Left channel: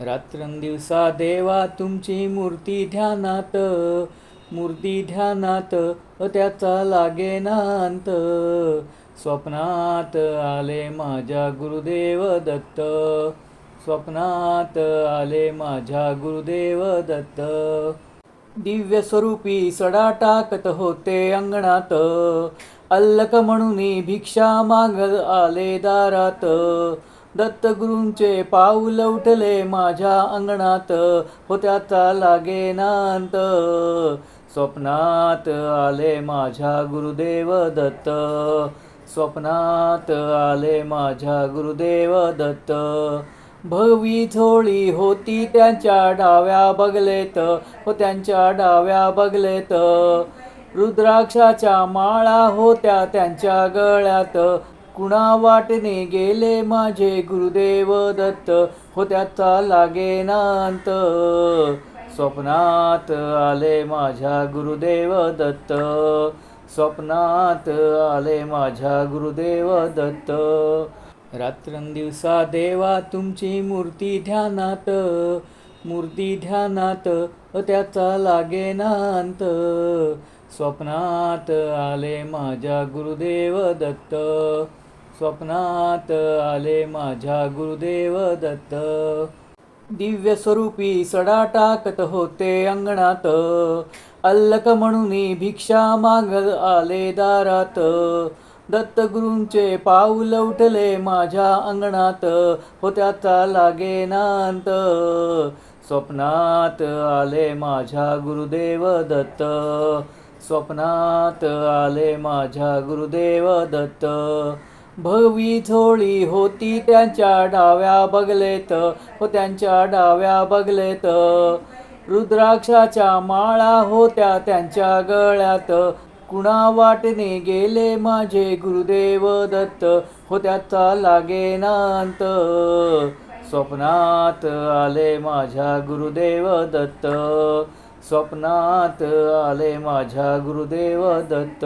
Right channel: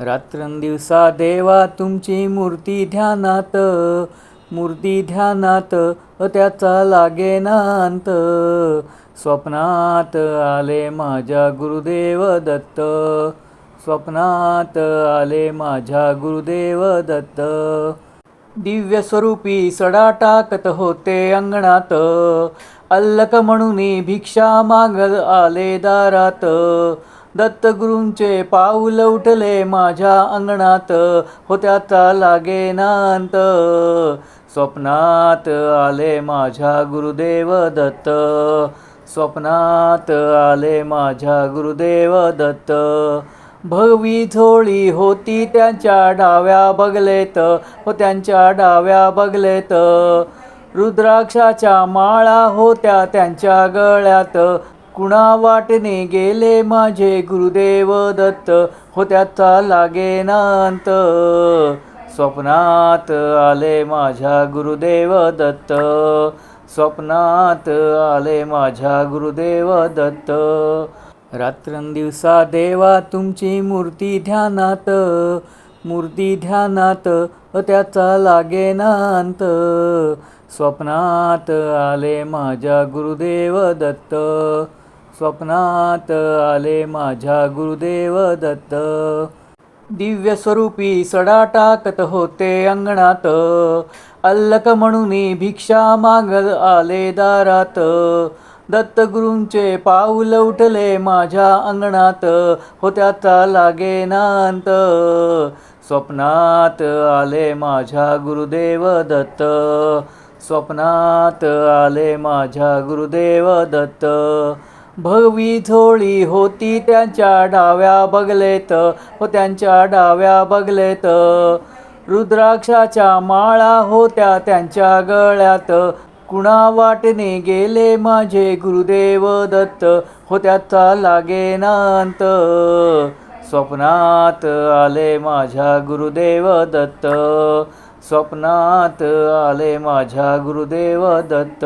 रात्रंदिवसा देवा तुमची मूर्ती ध्यानात त्याचा लागेना अंत. स्वप्नात आले माझ्या गुरुदेव दत्त, स्वप्नात आले माझ्या गुरुदेव दत्त. दिव्य स्वरूपी सडा टाकत होते अंगणात, अल्लक म्हणून भिक्षा मागत आले दारात. दत्तगुरूंचे पाऊल उठले माझ्या अंगणात, हो त्याचा लागेना अंत. स्वप्नात आले माझ्या गुरुदेव दत्त, स्वप्नात आले माझ्या गुरुदेव दत्त. भगवी झोळी होती त्यांच्या डाव्या बगलेत, हो त्यांच्या डाव्या बगलेत. रुद्राक्षाच्या माळा होत्या त्यांच्या गळ्यात, कुणा वाटेने गेले माझे गुरुदेव दत्त, हो त्याचा लागेना अंत. स्वप्नात आले माझ्या गुरुदेव दत्त, स्वप्नात आले माझ्या गुरुदेव दत्त. रात्रंदिवसा देवा तुमची मूर्ती ध्यानात त्याचा लागेना अंत. स्वप्नात आले माझ्या गुरुदेव दत्त, स्वप्नात आले माझ्या गुरुदेव दत्त. दिव्य स्वरूपी सडा टाकत होते अंगणात, अल्लक म्हणून भिक्षा मागत आले दारात. दत्तगुरूंचे पाऊल उठले माझ्या अंगणात, हो त्याचा लागेना अंत. स्वप्नात आले माझ्या गुरुदेव दत्त, स्वप्नात आले माझ्या गुरुदेव दत्त. भगवी झोळी होती त्यांच्या डाव्या बगलेत, हो त्यांच्या डाव्या बगलेत. रुद्राक्षाच्या माळा होत्या त्यांच्या गळ्यात, कुणा वाटेने गेले माझे गुरुदेव दत्त, हो त्याचा लागेना अंत. स्वप्नात आले माझ्या गुरुदेव दत्त, स्वप्नात आले माझ्या गुरुदेव दत्त.